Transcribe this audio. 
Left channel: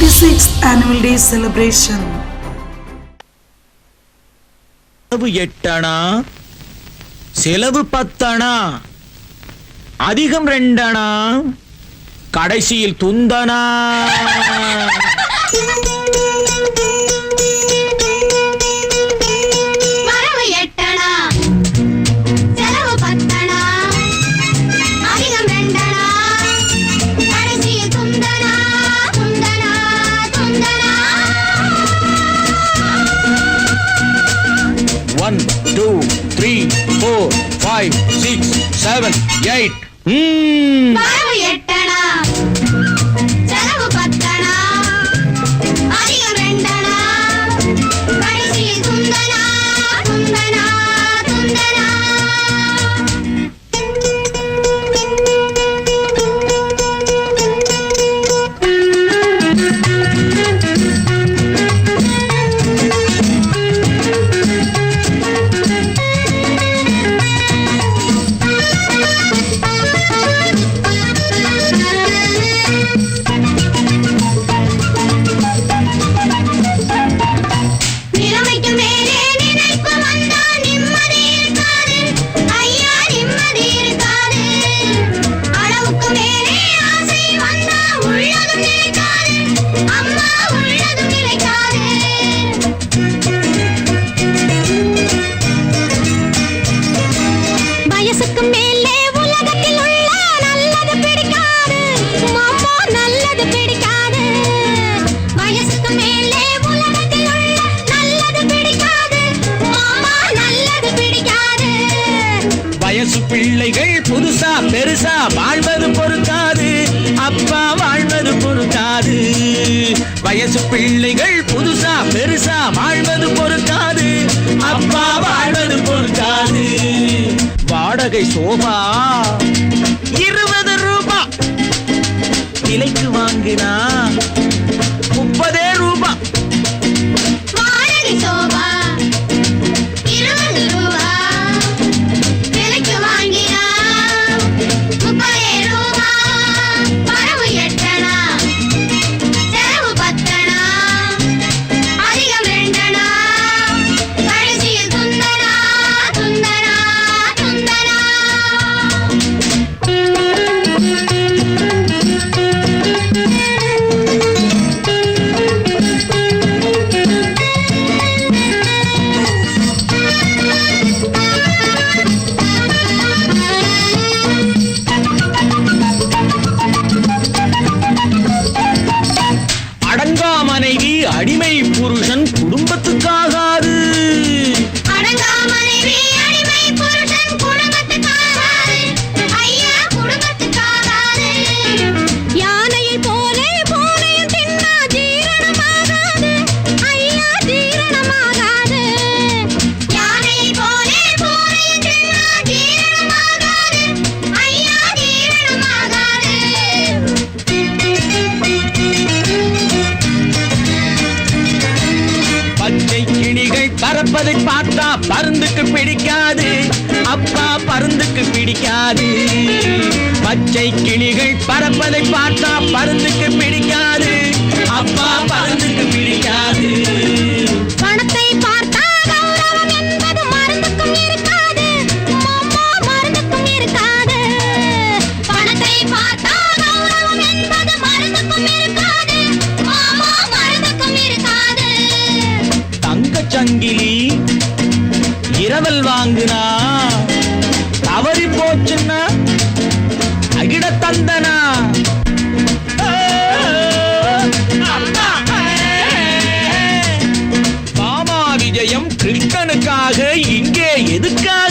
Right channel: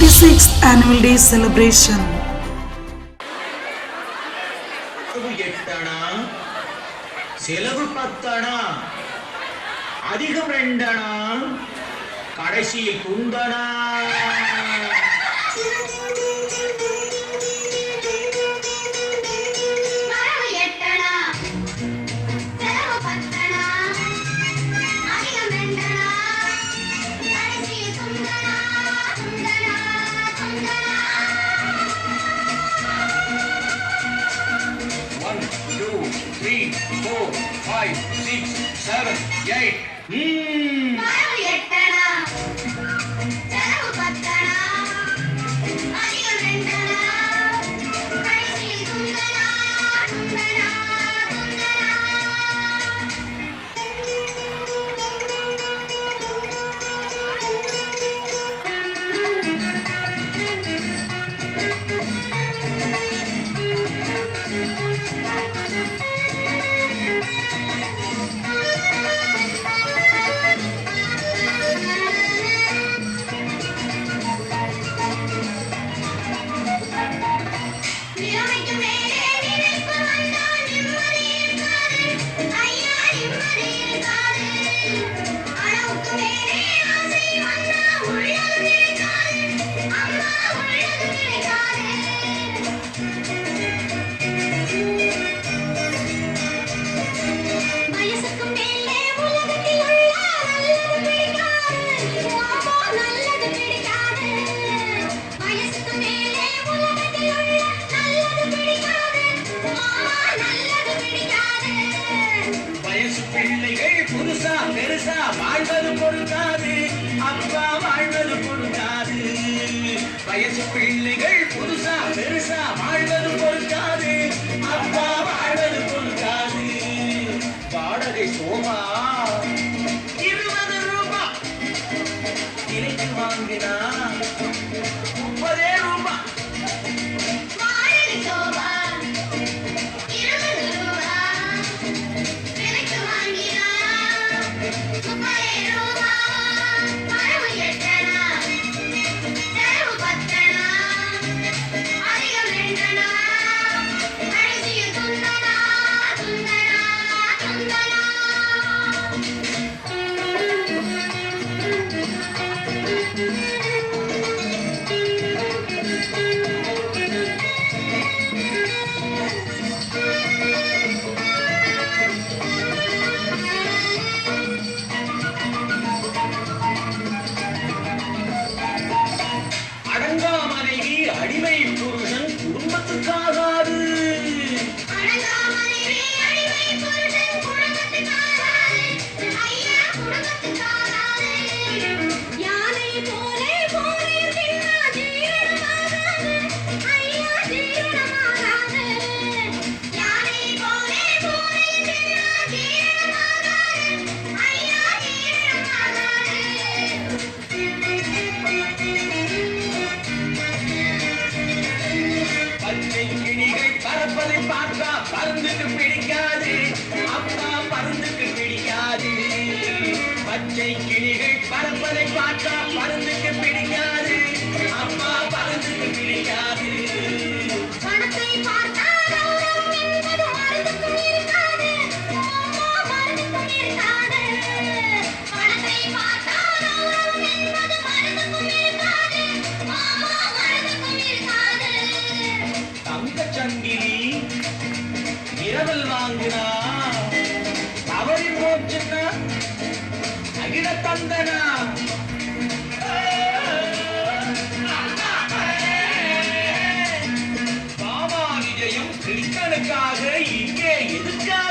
36th annual day celebration. செலவு 8 அணா, செலவு 10 அணா, அதிகம் 2 அணா, கடைசியில் துந்தனா. One, two, three, four, five, six, seven, eight. பிள்ளைகள் புதுசா பெருசா வாழ்வது பொறுக்காது, அப்பா வாழ்வது பொறுக்காது. வயசு பிள்ளைகள் புதுசா பெருசா வாழ்வது பொறுக்காது, அப்பா வாழ்வது பொறுக்காது. வாடகை சோபா 20 ரூபாய், விலைக்கு வாங்கினா 30 ரூபாய். அடிமை புருஷன் குடும்பத்துக்காகாது. யானையை போலே போரையும் தின்னா ஜீரணமாகாது, ஐயா ஜீரணமாகாது. யானையை போலே போரையும் தின்னா ஜீரணமாகாது, ஐயா ஜீரணமாகாது. பச்சை கிளிகள் பறப்பதை பார்த்தா பருந்துக்கு பிடிக்காது, அப்பா பருந்துக்கு பிடிக்காது. பச்சை கிளிகள் பறப்பதை பார்த்தா பருந்துக்கு பிடிக்காது, அப்பா பருந்துக்கு பிடிக்காது. பணத்தை பார்த்தா கௌரவம் என்பது மருந்துக்கும் இருக்காது, மாமா மருந்துக்கும் இருக்காது. பணத்தை பார்த்தா கௌரவம் என்பது மருந்துக்கும் இருக்காது, மாமா மருந்துக்கும் இருக்காது. தங்கச்சங்கிலி இரவல் வாங்குனா தவறி போச்சுன்னா அகிட தந்தனா. மாமா விஜயம் கிருஷ்ணனுக்காக இங்கே எதுக்காக?